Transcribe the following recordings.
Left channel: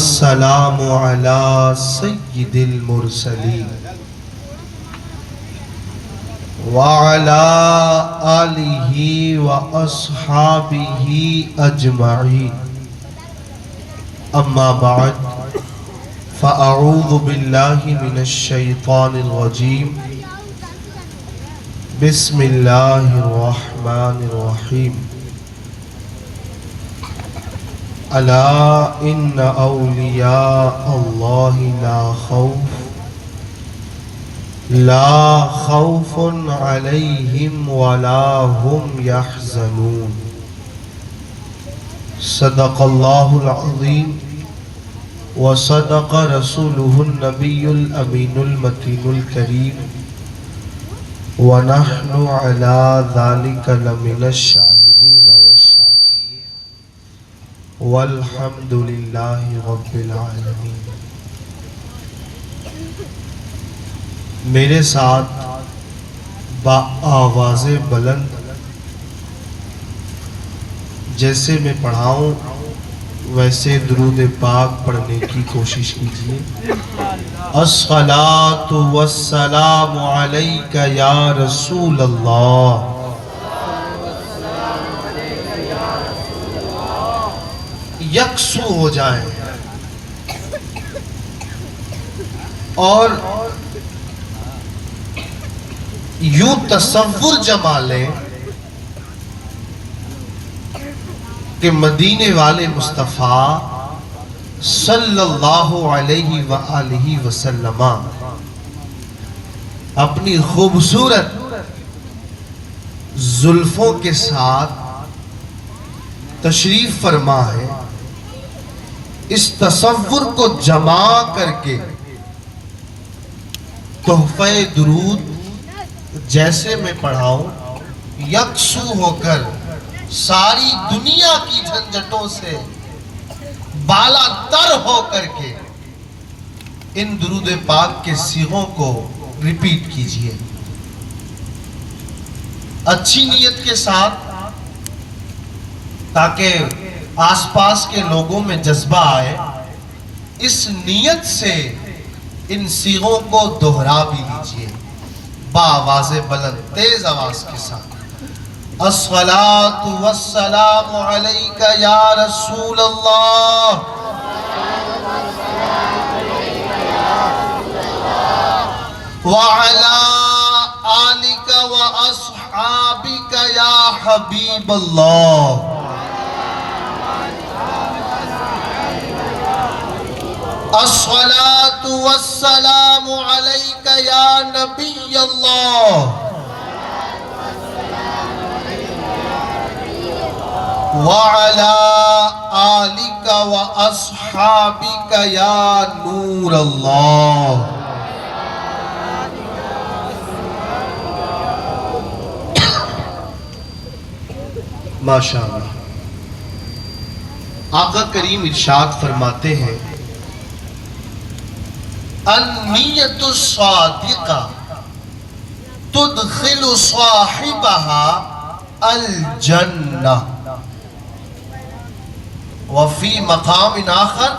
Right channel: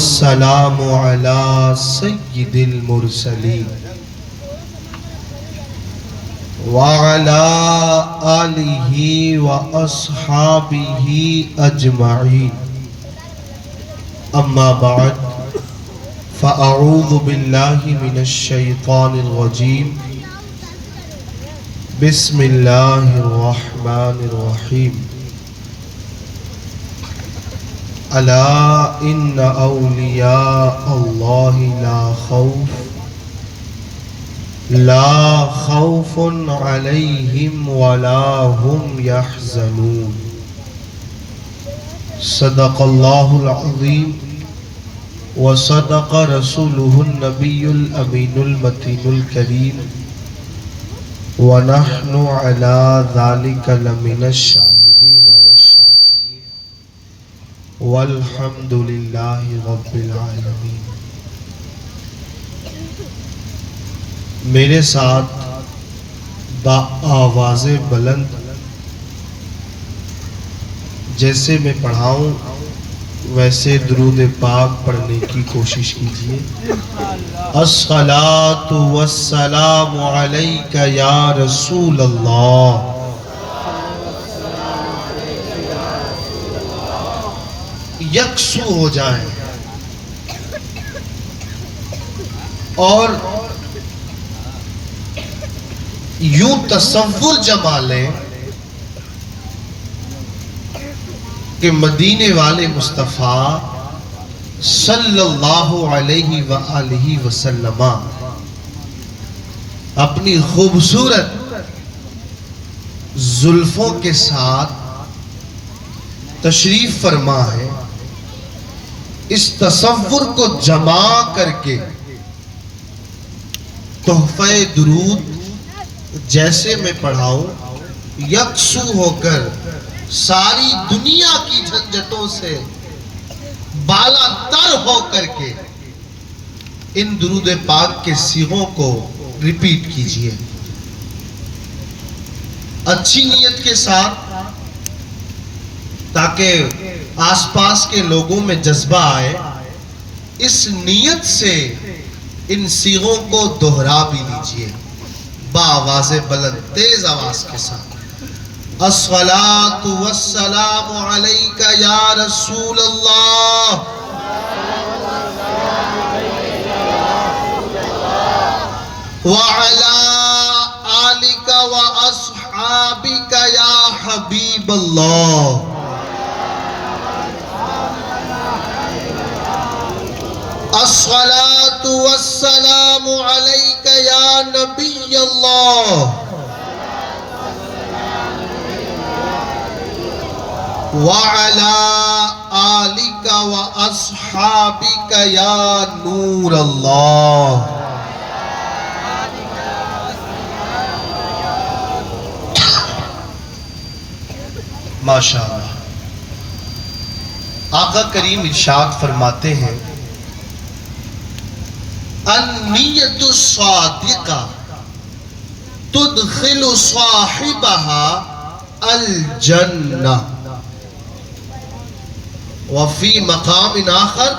والسلام على سيد المرسلين وعلى آله وأصحابه أجمعين أما بعد فأعوذ بالله من الشيطان الرجيم بسم الله الرحمن الرحيم ألا إن أولياء الله لا خوف عليهم ولا هم يحزنون صدق الله العظيم وصدق رسوله النبي الأمين المتين الكريم ونحن على ذلك لمن الشاهدين والشاكرين والحمد لله رب العالمين. میرے ساتھ بآواز بلند جیسے میں پڑھاؤں ویسے درود پاک پڑھنے کی کوشش کیجیے. الصلاۃ والسلام علیک یا رسول اللہ. یکسو ہو جائیں اور یوں تصور جما لیں کہ مدینے والے مصطفیٰ صلی اللہ علیہ وآلہ وسلم اپنی خوبصورت زلفوں کے ساتھ تشریف فرما ہے. اس تصور کو جمع کر کے تحفہ درود جیسے میں پڑھاؤں یکسو ہو کر ساری دنیا کی جھنجھٹوں سے بالا تر ہو کر کے ان درود پاک کے صیغوں کو ریپیٹ کیجئے اچھی نیت کے ساتھ تاکہ آس پاس کے لوگوں میں جذبہ آئے. اس نیت سے ان صیغوں کو دہرا بھی لیجئے بآواز بلند تیز آواز کے ساتھ. الصلاۃ والسلام علیک یا رسول اللہ وعلی آلک واصحابک یا حبیب اللہ. الصلاۃ والسلام علیک یا نبی اللہ وعلی آلک واصحابک یا نور اللہ. ماشاءاللہ. آقا کریم ارشاد فرماتے ہیں النیت الصادقہ تدخل صاحبها الجنہ. وفی مقام آخر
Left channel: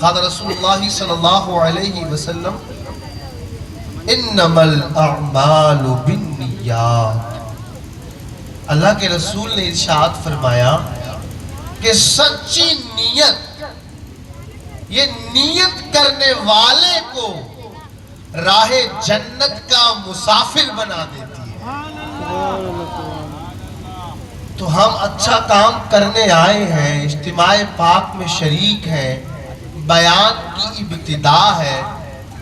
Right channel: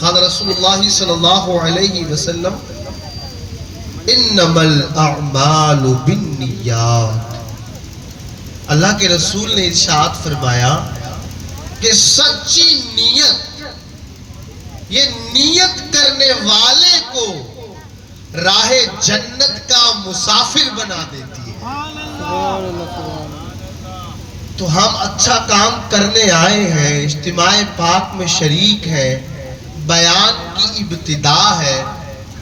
قال رسول اللہ صلی اللہ علیہ وسلم انما الاعمال بالنیات. اللہ کے رسول نے ارشاد فرمایا کہ سچی نیت یہ نیت کرنے والے کو راہ جنت کا مسافر بنا دیتی ہے. تو ہم اچھا کام کرنے آئے ہیں, اجتماع پاک میں شریک ہے, بیان کی ابتدا ہے,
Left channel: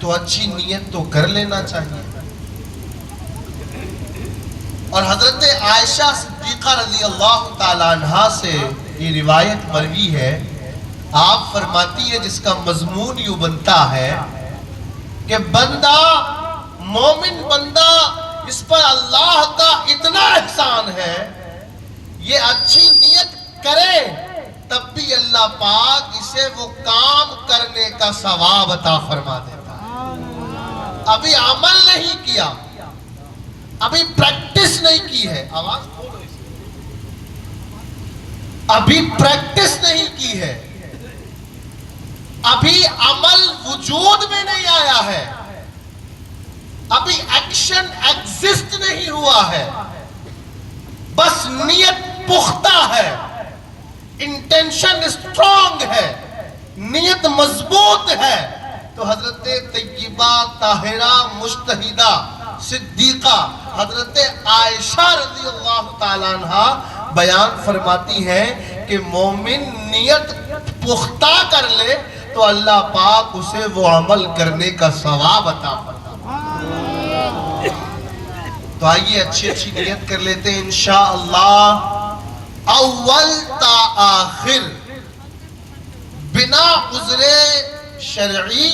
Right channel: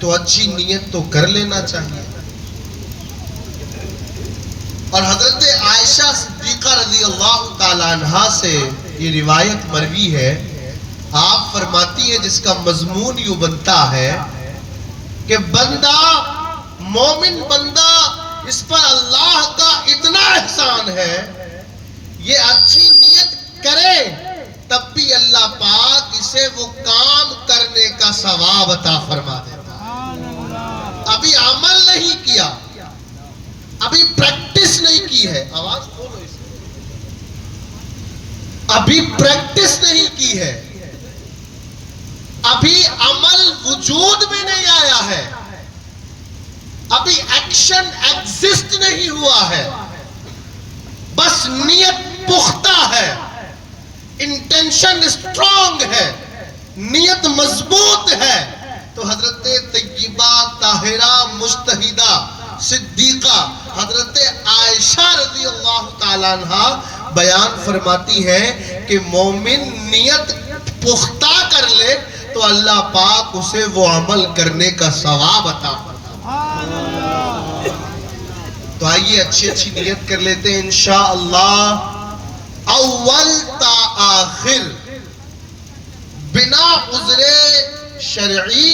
تو اچھی نیت تو کر لینا چاہیے. اور حضرت عائشہ صدیقہ رضی اللہ تعالیٰ عنہا سے یہ روایت مروی ہے. آپ فرماتی ہیں جس کا مضمون یوں بنتا ہے کہ بندہ مومن بندہ اس پر اللہ کا اتنا احسان ہے یہ اچھی نیت کرے تب بھی اللہ پاک اسے وہ کام کرنے کا ثواب عطا فرما دیتا ہے. ابھی عمل نہیں کیا, ابھی پریکٹس نہیں کی ہے, آواز کھولو اس میں, ابھی پریکٹس نہیں کی ہے, ابھی عمل وجود میں نہیں آیا ہے، ابھی ایکشن ایگزسٹ نہیں ہوا ہے، بس نیت پختہ ہے، انٹینشن اسٹرانگ ہے، نیت مضبوط ہے، تو حضرت طیبہ طاہرہ مجتہدہ صدیقہ حضرت عائشہ رضی اللہ تعالیٰ عنہ بیان فرماتی ہیں کہ مومن نیت پختہ کر لے تو اللہ پاک اسے وہ عمل کرنے کا ثواب عطا فرماتا ہے۔ تو آئیے اچھی نیت کر لیتے ہیں انشاءاللہ، اول تا آخر بنا عذر شرعی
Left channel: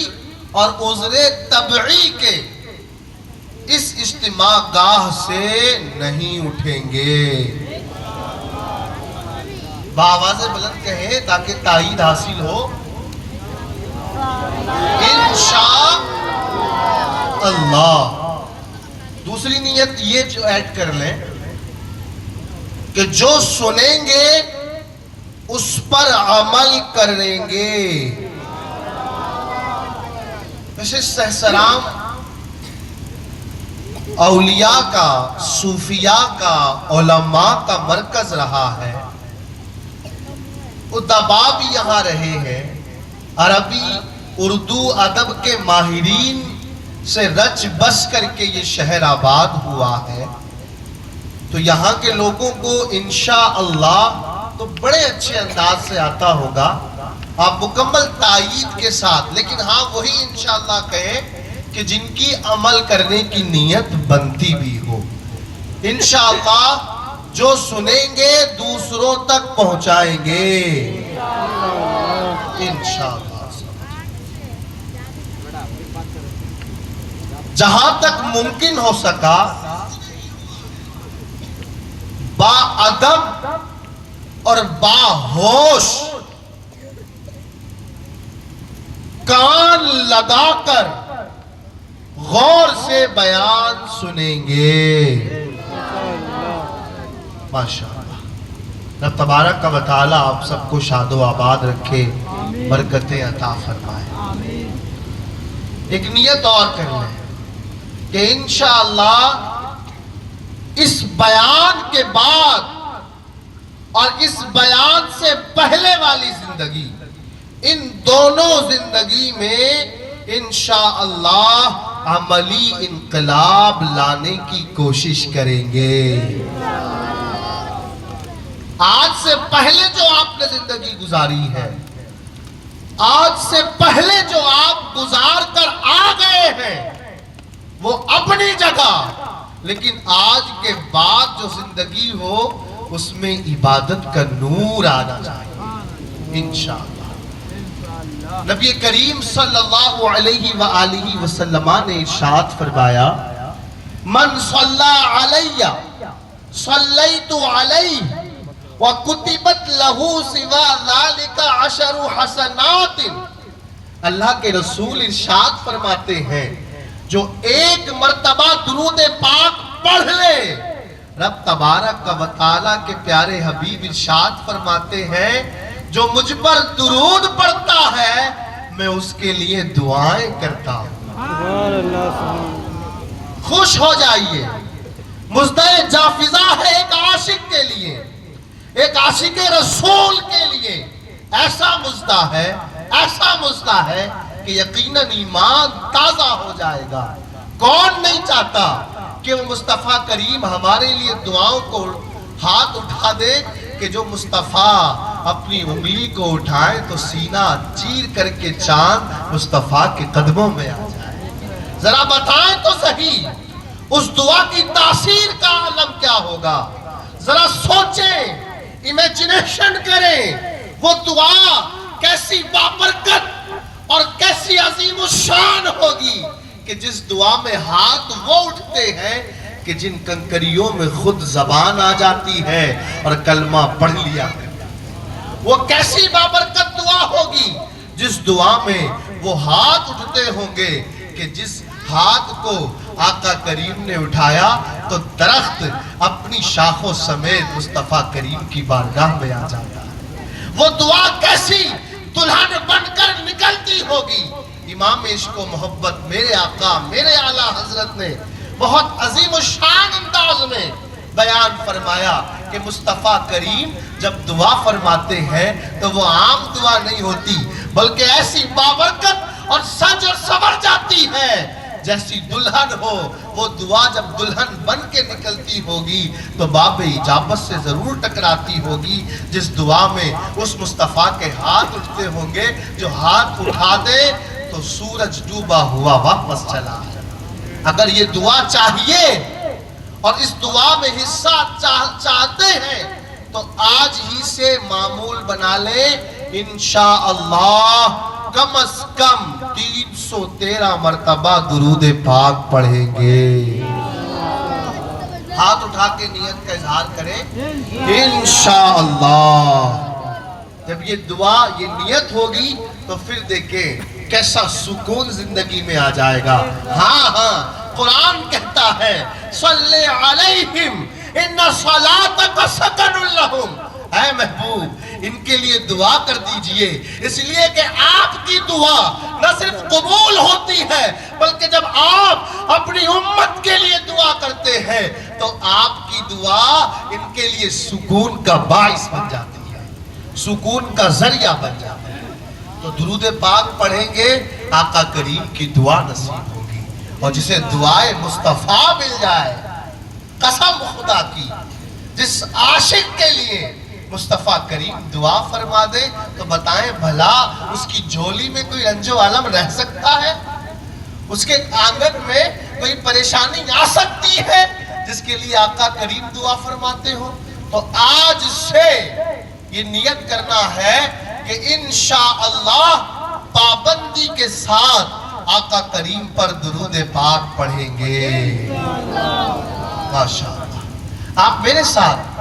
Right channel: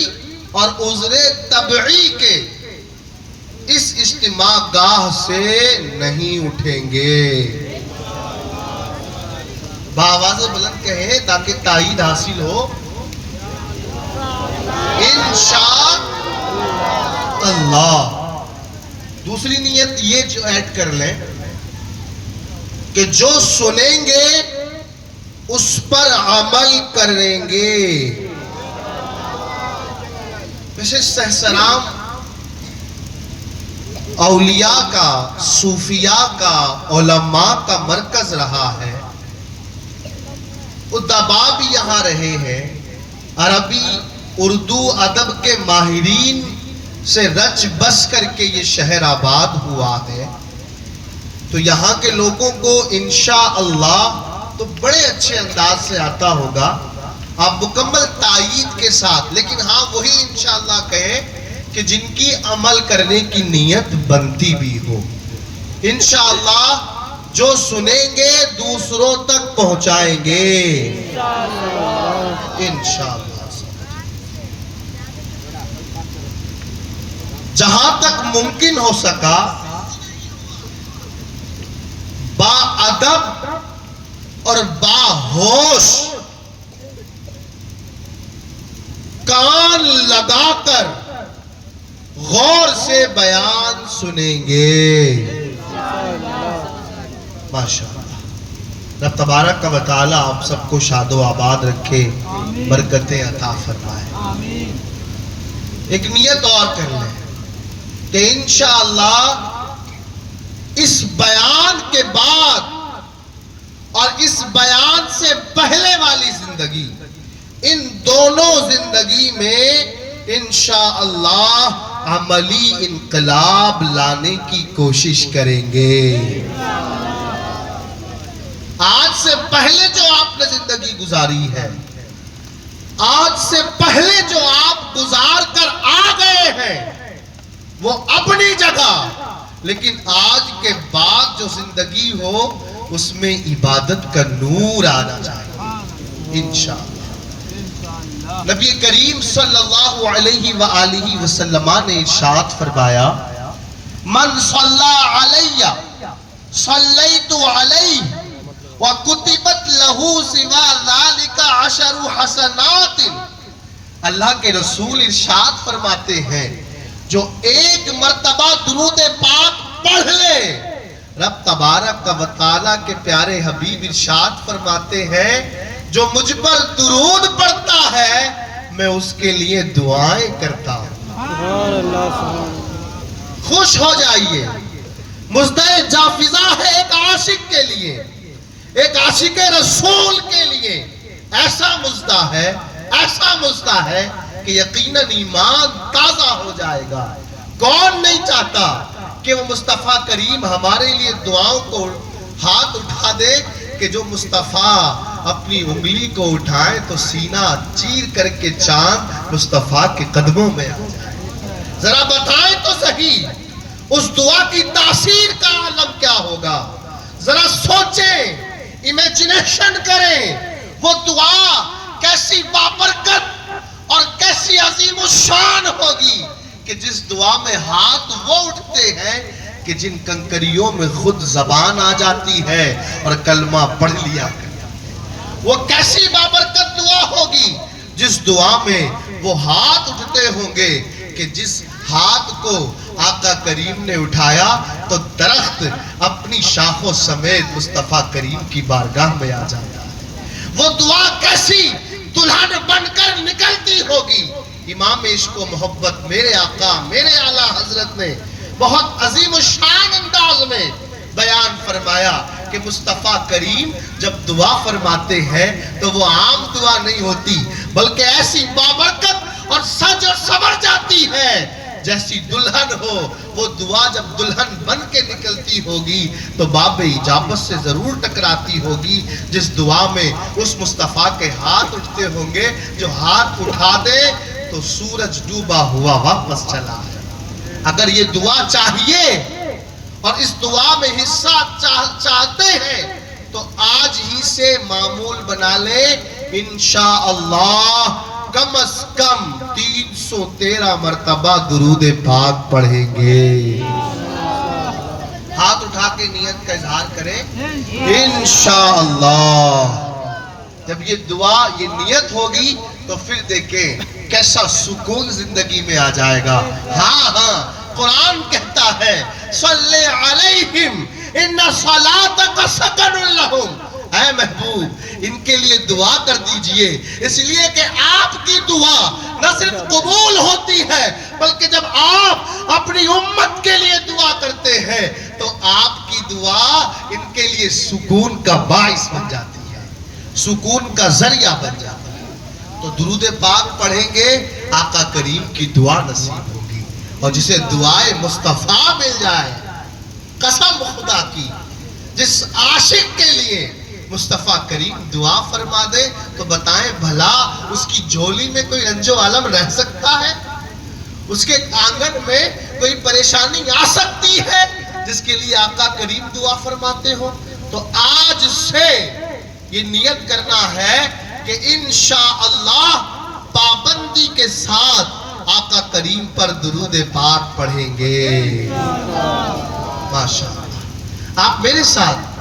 اور عذر طبعی کے اس اجتماع گاہ سے نہیں اٹھیں گے۔ بآواز بلند کہیں تاکہ تائید حاصل ہو، انشاء اللہ۔ دوسری نیت یہ جو ایڈ کر لیں کہ جو سنیں گے اس پر عمل کریں گے۔ ویسے سہسرام اولیاء کا، صوفیاء کا، علماء کا مرکز رہا ہے، ادبا بھی یہاں رہے ہیں، عربی اردو ادب کے ماہرین سے رچ بس کر کے یہ شہر آباد ہوا ہے، تو یہاں کے لوگوں کو انشاءاللہ تو بڑے اچھے انداز سے آتا ہوگا، آپ مکمل تائید کے ساتھ، لیکن ہاں وہی انشاءاللہ کہیں کہ جن کی عمل کرنے کی نیت بنتی بھی ہو۔ انشاءاللہ جو سنیں گے دوسروں تک پہنچائیں گے انشاءاللہ۔ جہاں تک ممکن ہو سکا با ادب اور با ہوش کان لگا کر غور سے بیان سنیں گے ماشاءاللہ۔ رب تبارک و تعالی آپ سب کو شاد و آباد رکھے، برکتیں عطا فرمائے۔ ایک نیت اور کر لیں کہ انشاءاللہ اس بیان کے بعد اور اس بیان سے پہلے والی زندگی، ان دونوں زندگی میں انشاءاللہ عملی انقلاب لانے کی کوشش کریں گے۔ آج سے پہلے جو آپ نے زندگی گزاری ہے، آج سے پہلے جو آپ گزار کر آ گئے ہیں وہ اپنی جگہ، لیکن آج کے بعد جو زندگی ہو اس میں عبادت کا نور آنا چاہیے انشاءاللہ۔ نبی کریم صلی اللہ علیہ وآلہ وسلم نے ارشاد فرمایا، من صلی علی صلیت علیہ وَكُتِبَتْ لَهُ سِوَى ذَلِكَ عَشَرُ حَسَنَاتٍ۔ اللہ کے رسول ارشاد فرماتے ہیں جو ایک مرتبہ درود پاک پڑھ لے، رب تبارک و تعالیٰ کے پیارے حبیب ارشاد فرماتے ہیں جو مجھ پر درود پڑھتا ہے میں اس کے لیے دعائیں کرتا ہوں۔ خوش ہو جائیے، مزدہ جافزہ ہے ایک عاشق کے لیے، ایک عاشق رسول کے لیے ایسا مزدہ ہے کہ یقیناً ایمان تازہ ہو جائے گا۔ کون نہیں چاہتا کہ وہ مصطفیٰ کریم ہمارے لیے دعاؤں کو ہاتھ اٹھا دے کہ جو مصطفیٰ اپنی انگلی کو اٹھائے تو سینہ چیر کر کے چاند مصطفیٰ کے قدموں میں آ جائے۔ ذرا بتائیں تو صحیح اس دعا کی تاثیر کا عالم کیا ہوگا؟ ذرا سوچیں، امیجنیشن کریں، وہ دعا کیسی بابرکت اور کیسی عظیم الشان ہوگی کہ جس دعا میں ہاتھ وہ اٹھتے ہیں کہ جن کنکریوں میں خود زبان آ جاتی ہے اور کلمہ پڑھ لیا۔ وہ کیسی بابرکت دعا ہوگی جس دعا میں وہ ہاتھ اٹھتے ہوں گے کہ جس ہاتھ کو آقا کریم نے اٹھایا تو درخت اپنی شاخوں سمیت مصطفیٰ کریم کی بارگاہ میں آ جاتا ہے۔ وہ دعا کیسی دلہن بن کر نکلتی ہوگی. امام عشق و محبت میرے آقا میرے اعلیٰ حضرت نے بہت عظیم الشان انداز میں بیان فرمایا کہ مصطفیٰ کریم جب دعا فرماتے ہیں تو وہ عام دعا نہیں ہوتی بلکہ ایسی بابرکت اور سج اور سور جاتی ہے جیسی دلہن ہو. وہ دعا جب دلہن بن کے نکلتی ہوگی تو باب اجابت سے ضرور ٹکراتی ہوگی. جس دعا میں اس مصطفیٰ کے ہاتھ اٹھتے ہوں گے جو ہاتھ اٹھا دے تو سورج ڈوبا ہوا واپس چلا ہے. اگر یہ دعا چاہیے اور اس دعا میں حصہ چاہتے ہیں تو آج ہی سے معمول بنا لیں. انشاءاللہ کم از کم 313 مرتبہ درود پاک پڑھیں گے. ہاتھ اٹھا کے نیت کا اظہار کریں انشاءاللہ. جب یہ دعا یہ نیت ہوگی تو پھر دیکھیں کیسا سکون زندگی میں آ جائے گا. ہاں قرآن کہتا ہے صلی علیہم ان صلاتک سکن لہم. اے محبوب ان کے لیے دعا کر دیجئے اس لیے کہ آپ کی دعا نہ صرف قبول ہوتی ہے بلکہ جب آپ اپنی امت کے لیے دعا کرتے ہیں تو آپ کی دعا ان کے لیے سکون کا باعث بن جاتی ہے, سکون کا ذریعہ بن جاتا ہے. تو درود پاک پڑھیں گے آقا کریم کی دعا نصیب ہوگی. اور جسے دعائے مصطفیٰ مل جائے قسم خدا کی جس عاشق کے لیے مصطفیٰ کریم دعا فرما دے تو بتائیں بھلا اس کی جھولی میں کوئی رنج و عالم رہ سکتا ہے؟ اس کے آنگن میں کوئی پریشانی آ سکتی ہے جس کے لیے آقا کریم دعا فرماتے ہو؟ تو آج سے یہ نیت کرنا ہے کہ انشاءاللہ پابندی کے ساتھ آقا کریم پر درود پاک پڑھیں گے. ماشاءاللہ. آپ میرے ساتھ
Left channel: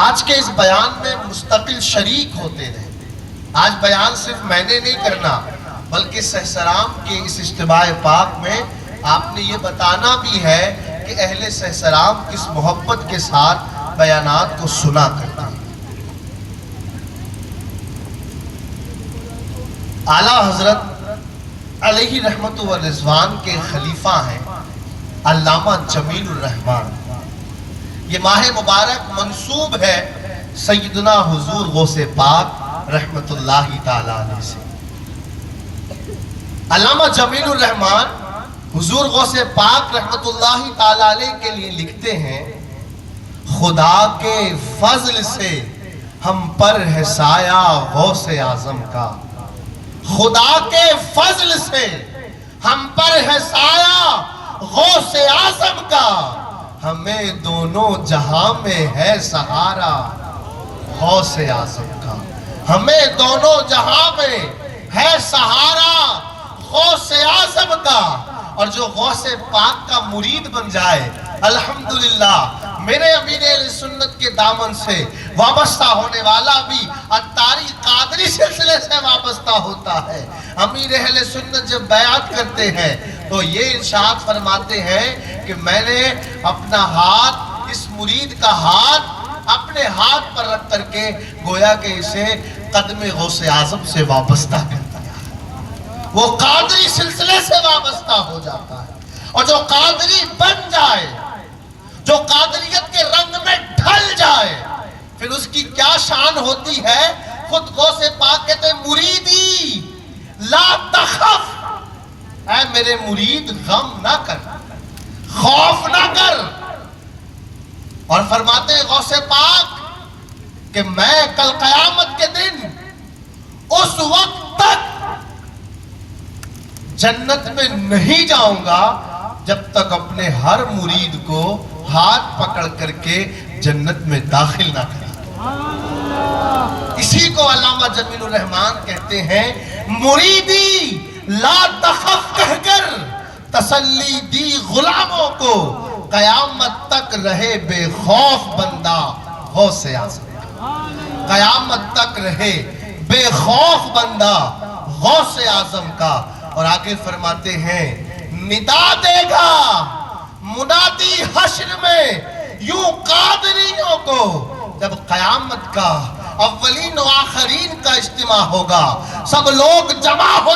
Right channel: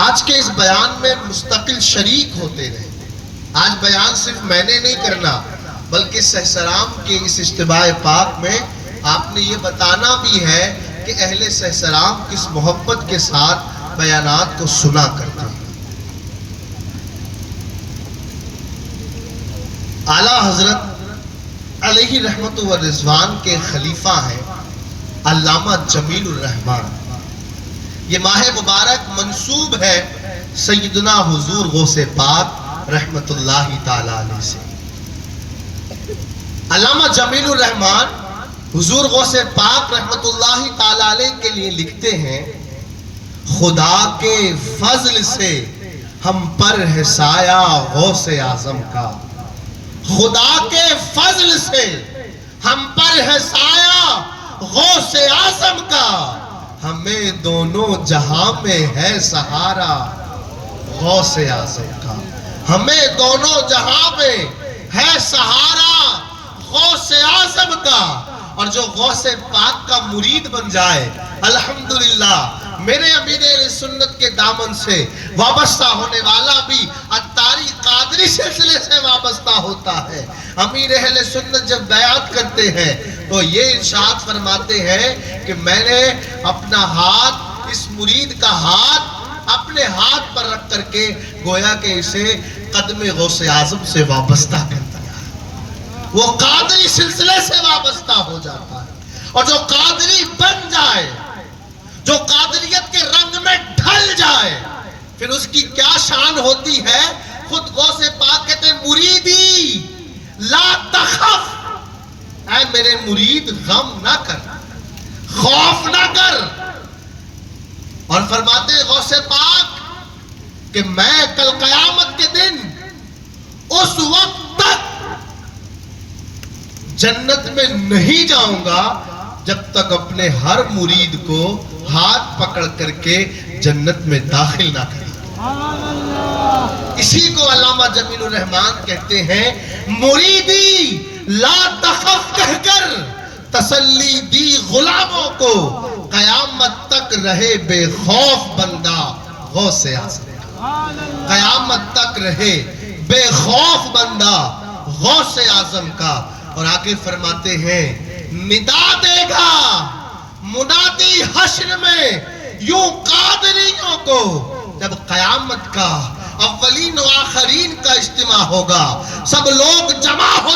آج کے اس بیان میں مستقل شریک ہوتے رہے. آج بیان صرف میں نے نہیں کرنا بلکہ سہسرام کے اس اجتماع پاک میں آپ نے یہ بتانا بھی ہے کہ اہل سہسرام کس محبت کے ساتھ بیانات کو سنا کرتے ہیں. اعلیٰ حضرت علیہ رحمت و رضوان کے خلیفہ ہیں علامہ جمیل الرحمن. یہ ماہ مبارک منسوب ہے سیدنا حضور غوث پاک رحمت اللہ تعالیٰ علیہ سے. علامہ جمیل الرحمن حضور غوث پاک رحمت اللہ تعالیٰ علیہ کے لیے لکھتے ہیں خدا کے فضل سے ہم پر ہے سایہ غوث اعظم کا. خدا کے فضل سے ہم پر ہے سایہ غوث اعظم کا. ہمیں دونوں جہاں میں ہے سہارا غوث اعظم کا. ہمیں دونوں جہاں میں ہے سہارا غوث اعظم کا. اور جو غوث پاک کا مرید بن جائے الحمدللہ میرے امیر اہل سنت کے دامن سے وابستہ ہونے والا بھی اتاری قادری سلسلے سے وابستہ ہوتا ہے. امیر اہل سنت جب بیعت کرتے ہیں تو یہ ارشاد فرماتے ہیں کہ میں نے اپنا ہاتھ اس مرید کا ہاتھ اپنے ہاتھ پر رکھ کر کے گویا کہ اسے قدم غوث اعظم سے وابستہ کر دیا. وہ قادری سلسلے سے وابستہ ہو جاتا ہے. اور جو قادری بن جائے جو قادریت کے رنگ میں ڈھل جائے پھر اس کی کیا شان ہوتی ہے. خود غوث پاک کہتے ہیں مریدی لا تخف, اے میرے مرید غم نہ کر خوف نہ کر. اور فرماتے ہیں غوث پاک کہ میں کل قیامت کے دن اس وقت تک جنت میں نہیں جاؤں گا جب تک اپنے ہر مرید کو ہاتھ پکڑ کر کے جنت میں داخل نہ کریں. اسی کو علامہ جمیل الرحمن کہتے ہیں مریدی لا تخف کہہ کر تسلی دی غلاموں کو قیامت تک رہے بے خوف بندہ غوث اعظم. قیامت تک رہے بے خوف بندہ غوث اعظم کا. اور آگے فرماتے ہیں ندا دے گا منادی حشر میں یوں قادریوں کو جب قیامت کا اولین و آخرین کا اجتماع ہوگا سب لوگ جمع ہو